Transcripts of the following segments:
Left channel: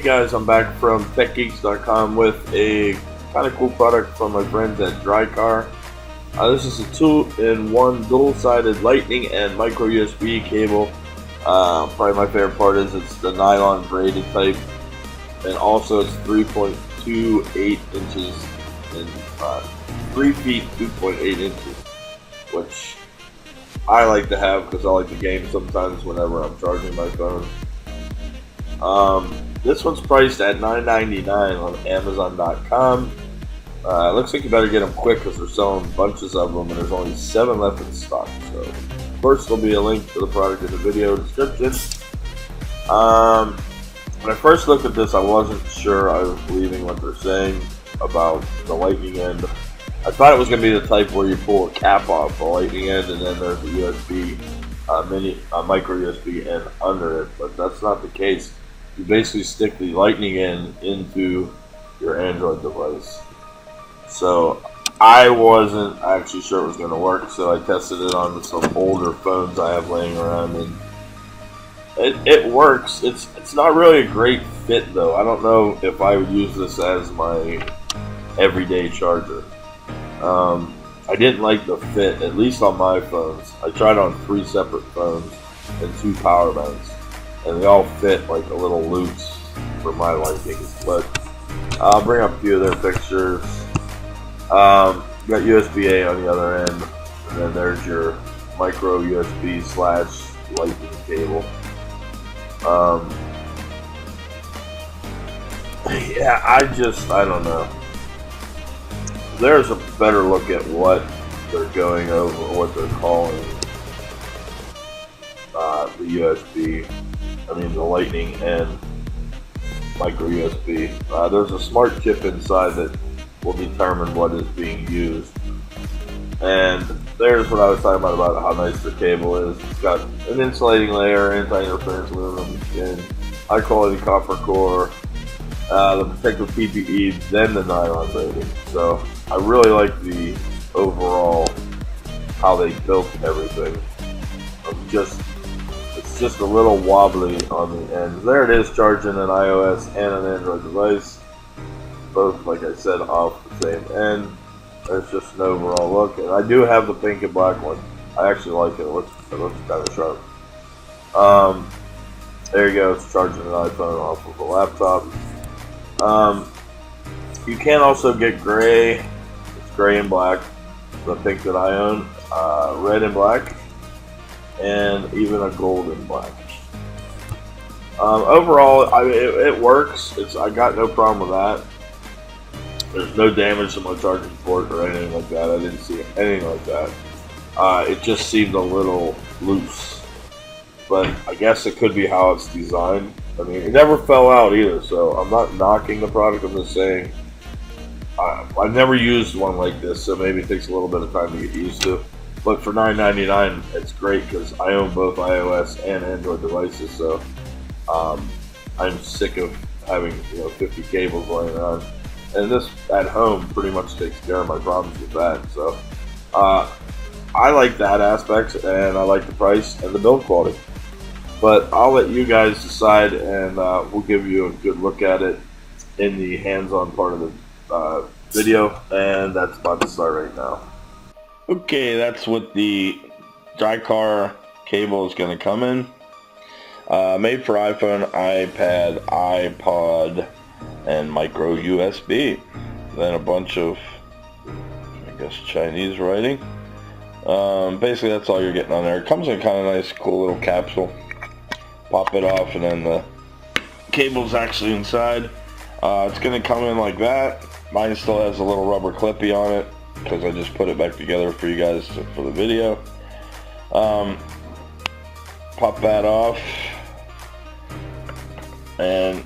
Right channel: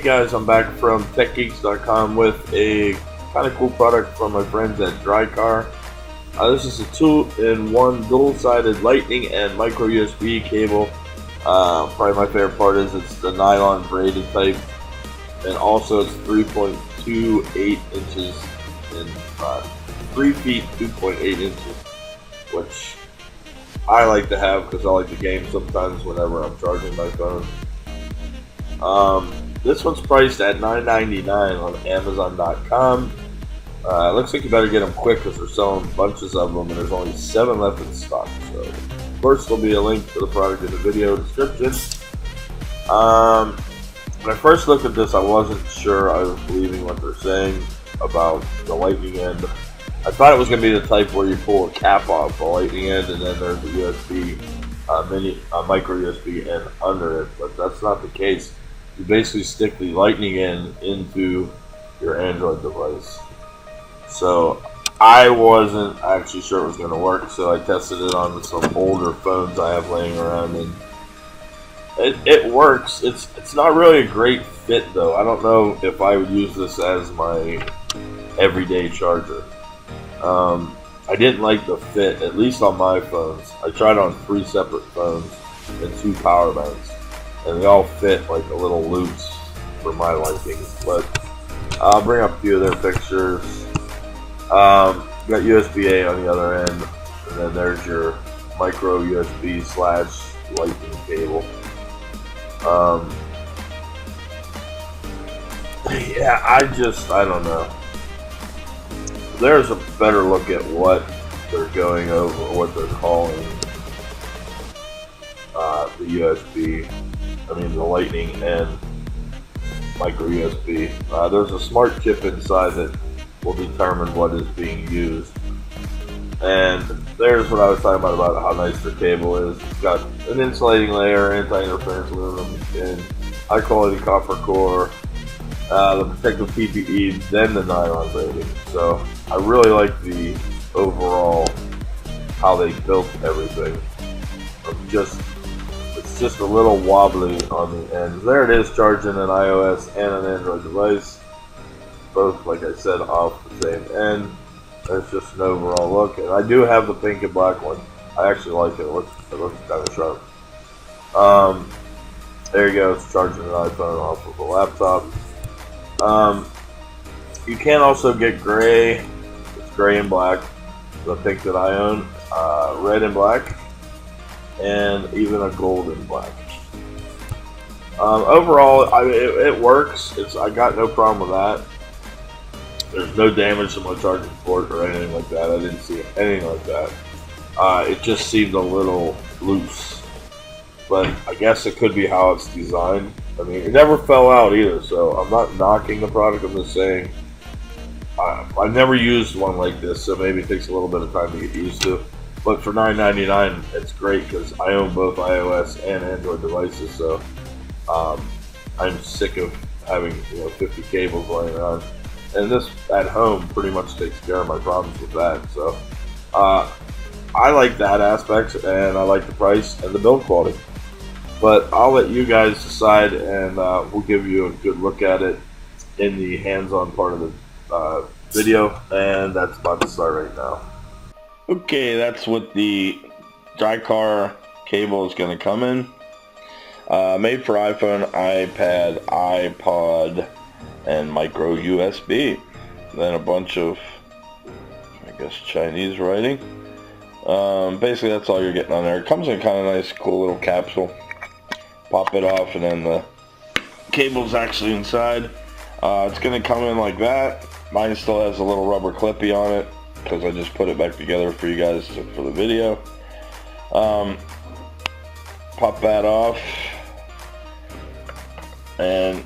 Hey guys, I'm back from techgeeks.com with a kind of cool product from my friends at Dricar. This is a 2-in-1 dual-sided lightning and micro USB cable. Probably my favorite part is it's the nylon braided type, and also it's 3.28 inches and 3 feet 2.8 inches, which I like to have because I like to game sometimes whenever I'm charging my phone. This one's priced at $9.99 on Amazon.com. It looks like you better get them quick because they're selling bunches of them and there's only 7 left in stock. So, of course, there'll be a link to the product in the video description. When I first looked at this, I wasn't sure I was believing what they're saying about the lightning end. I thought it was going to be the type where you pull a cap off the lightning end and then there's a USB micro USB end under it, but that's not the case. You basically stick the lightning end into your Android device. So I wasn't actually sure it was going to work, so I tested it on some older phones I have laying around, and it works. It's not really a great fit though. I don't know if I would use this as my everyday charger. I didn't like the fit, at least on my phones. I tried on 3 separate phones and 2 power banks, and they all fit like a little loose for my liking. But I'll bring up a few of their pictures. Got USB-A on the other end, and then there's your micro USB / lightning cable. Yeah, I don't know. There's a better look at what they're going over, what they're calling the USB. I mean the lightning and micro USB. There's a smart chip inside that will determine what is being used. And there's what I was talking about how nice the cable is. It's got an insulating layer, anti-interference aluminum skin, high quality copper core, the protective PPE, then the nylon braiding. So I really like the overall how they built everything. It's just a little wobbly on the ends. There it is, charging an iOS and an Android device. Both, like I said, off the same end. There's just an overall look, and I do have the pink and black one. I actually like it. It looks kind of sharp. There you go. It's charging an iPhone off of a laptop. You can also get gray. It's gray and black. The pink that I own, red and black, and even a gold and black. Overall, it works. I got no problem with that. There's no damage to my charging port or anything like that. I didn't see anything like that. It just seemed a little loose, but I guess it could be how it's designed. I mean, it never fell out either, so I'm not knocking the product. I'm just saying I've never used one like this, so maybe it takes a little bit of time to get used to. But for $9.99, it's great because I own both iOS and Android devices, so I'm sick of having 50 cables laying around. And this at home pretty much takes care of my problems with that. So I like that aspect, and I like the price and the build quality. But I'll let you guys decide, and we'll give you a good look at it in the hands-on part of the video, and that's about to start right now. Okay, that's what the Dricar cable is going to come in. Made for iPhone, iPad, iPod, and micro USB. Then a bunch of, I guess, Chinese writing. Basically, that's all you're getting on there. It comes in kind of nice, cool little capsule. Pop it off, and then the cable's actually inside. It's going to come in like that. Mine still has a little rubber clippy on it because I just put it back together for you guys for the video. Pop that off, and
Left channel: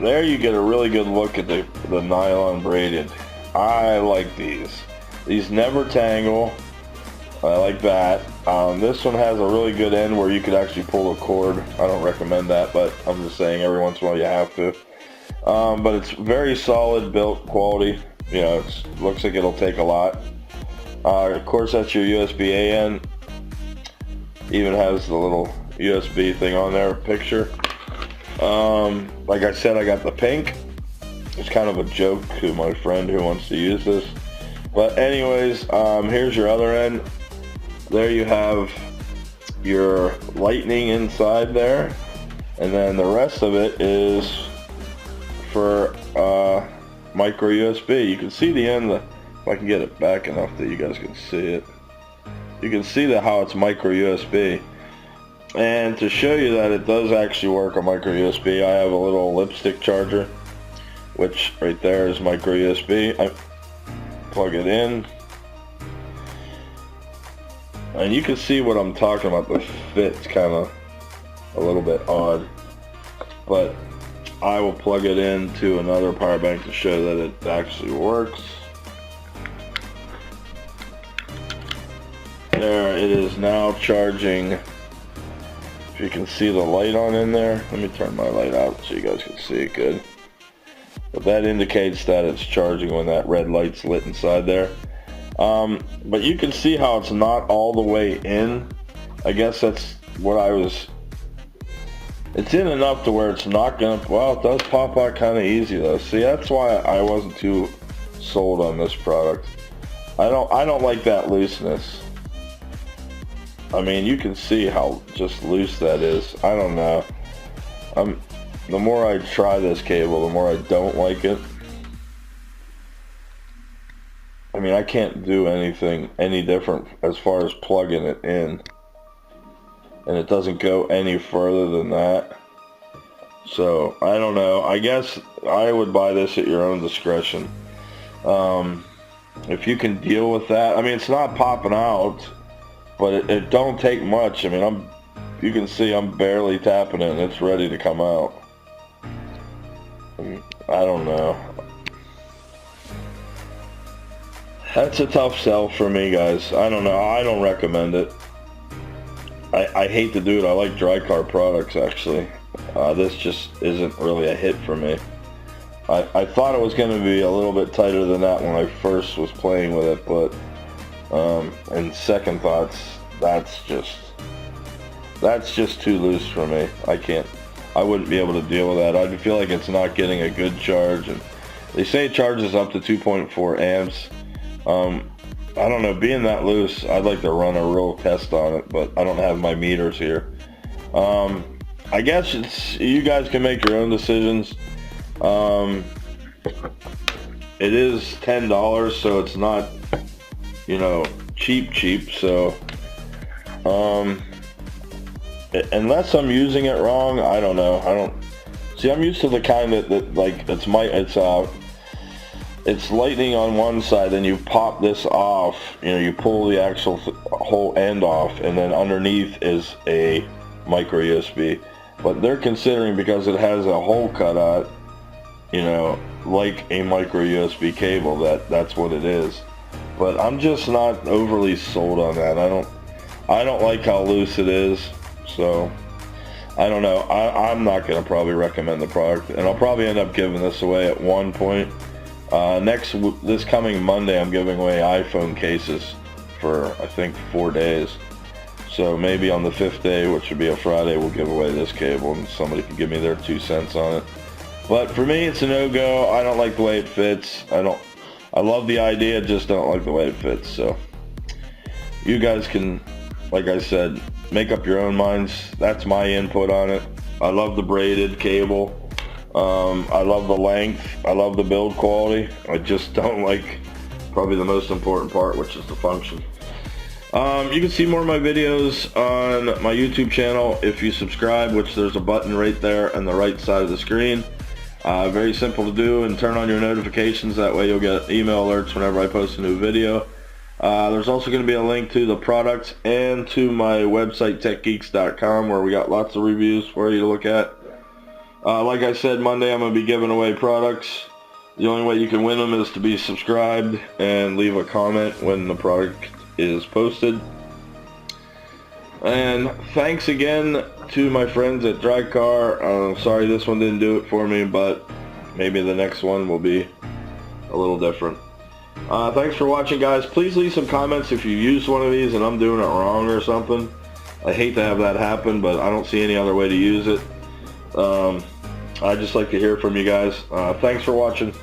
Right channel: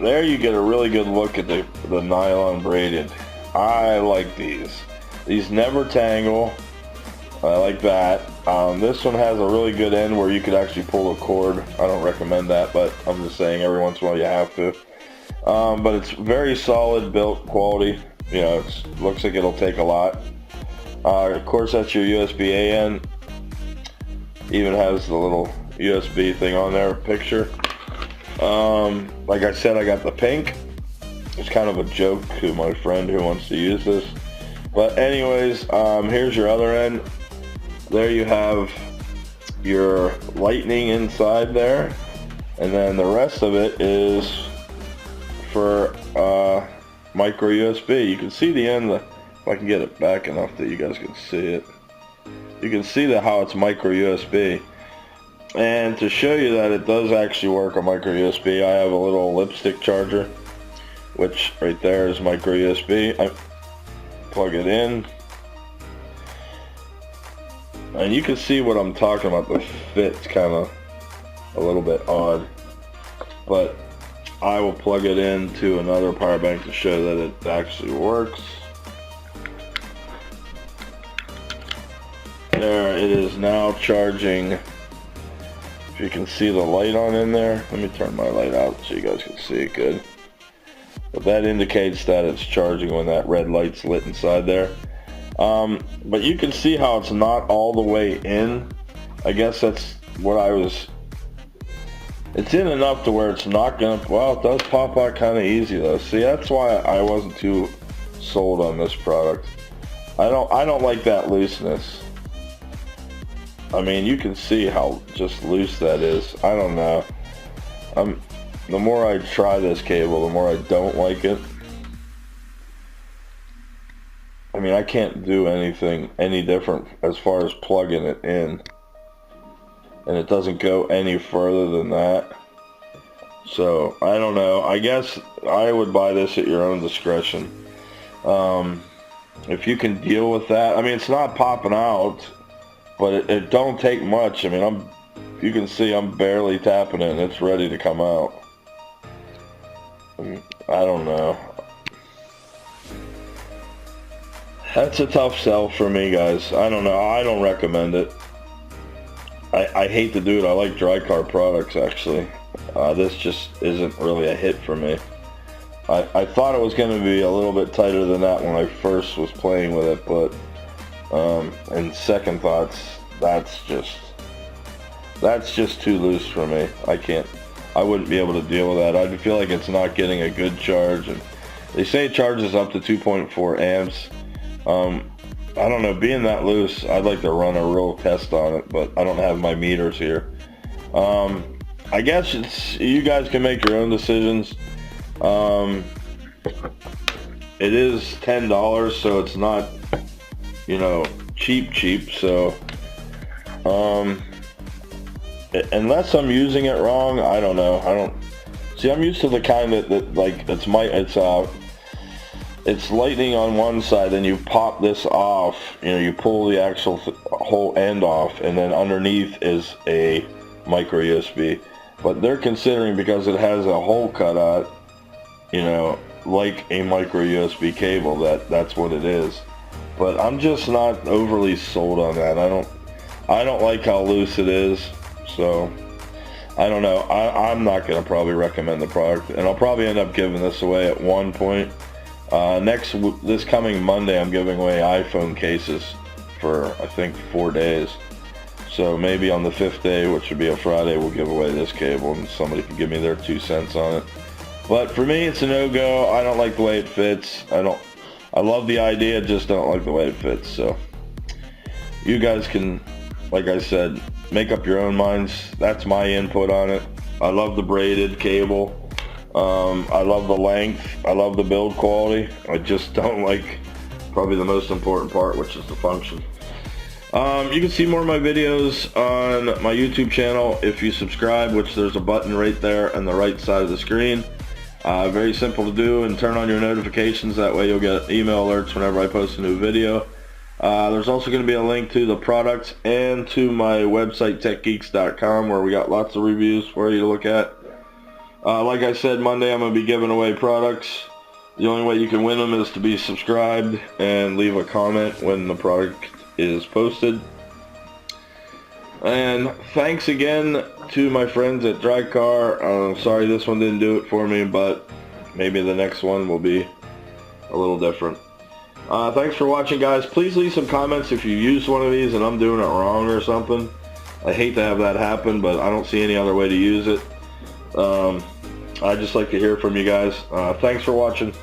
there you get a really good look at the nylon braided. I like these. These never tangle. I like that. This one has a really good end where you could actually pull the cord. I don't recommend that, but I'm just saying every once in a while you have to. But it's very solid built quality. It looks like it'll take a lot. Of course, that's your USB-A end. Even has the little USB thing on there, picture. Like I said, I got the pink. It's kind of a joke to my friend who wants to use this. But anyways, here's your other end. There you have your lightning inside there. And then the rest of it is for micro USB. You can see the end, if I can get it back enough that you guys can see it. You can see how it's micro USB. And to show you that it does actually work on micro USB, I have a little lipstick charger, which right there is micro USB. I plug it in, and you can see what I'm talking about. The fit's kind of a little bit odd, but I will plug it into another power bank to show that it actually works. There it is now charging. If you can see the light on in there, let me turn my light out so you guys can see it good. But that indicates that it's charging when that red light's lit inside there. But you can see how it's not all the way in. I guess that's what I was... It's in enough to where it's not gonna... Well, it does pop out kind of easy though. See, that's why I wasn't too sold on this product. I don't like that looseness. I mean, you can see how just loose that is. I don't know. The more I try this cable, the more I don't like it. I mean, I can't do anything any different as far as plugging it in. And it doesn't go any further than that. So, I don't know. I guess I would buy this at your own discretion. If you can deal with that. I mean, it's not popping out. But it don't take much. I mean, you can see I'm barely tapping it and it's ready to come out. I don't know. That's a tough sell for me, guys. I don't know. I don't recommend it. I hate to do it. I like Dricar products, actually. This just isn't really a hit for me. I thought it was going to be a little bit tighter than that when I first was playing with it, but and second thoughts, that's just too loose for me. I wouldn't be able to deal with that. I feel like it's not getting a good charge, and they say it charges up to 2.4 amps. I don't know, being that loose, I'd like to run a real test on it, but I don't have my meters here. I guess you guys can make your own decisions. It is $10, so it's not, you know, cheap, so unless I'm using it wrong, I don't know. See, I'm used to the kind that like it's lightning on one side, then you pop this off, you know, you pull the actual whole end off, and then underneath is a micro USB. But they're considering, because it has a hole cut out, you know, like a micro USB cable, that's what it is. But I'm just not overly sold on that. I don't like how loose it is, so I don't know. I'm not going to probably recommend the product, and I'll probably end up giving this away at one point. This coming Monday, I'm giving away iPhone cases for, I think, 4 days. So maybe on the 5th day, which would be a Friday, we'll give away this cable, and somebody can give me their 2 cents on it. But for me, it's a no-go. I don't like the way it fits. I love the idea, just don't like the way it fits. So you guys can, like I said, make up your own minds. That's my input on it. I love the braided cable. I love the length. I love the build quality. I just don't like probably the most important part, which is the function. You can see more of my videos on my YouTube channel if you subscribe, which there's a button right there on the right side of the screen. Very simple to do, and turn on your notifications. That way you'll get email alerts whenever I post a new video. There's also going to be a link to the products and to my website, techgeeks.com, where we got lots of reviews for you to look at. Like I said, Monday I'm going to be giving away products. The only way you can win them is to be subscribed and leave a comment when the product is posted. And thanks again to my friends at Dricar. Sorry this one didn't do it for me, but maybe the next one will be a little different. Thanks for watching, guys. Please leave some comments if you used one of these and I'm doing it wrong or something. I hate to have that happen, but I don't see any other way to use it. I'd just like to hear from you guys. Thanks for watching.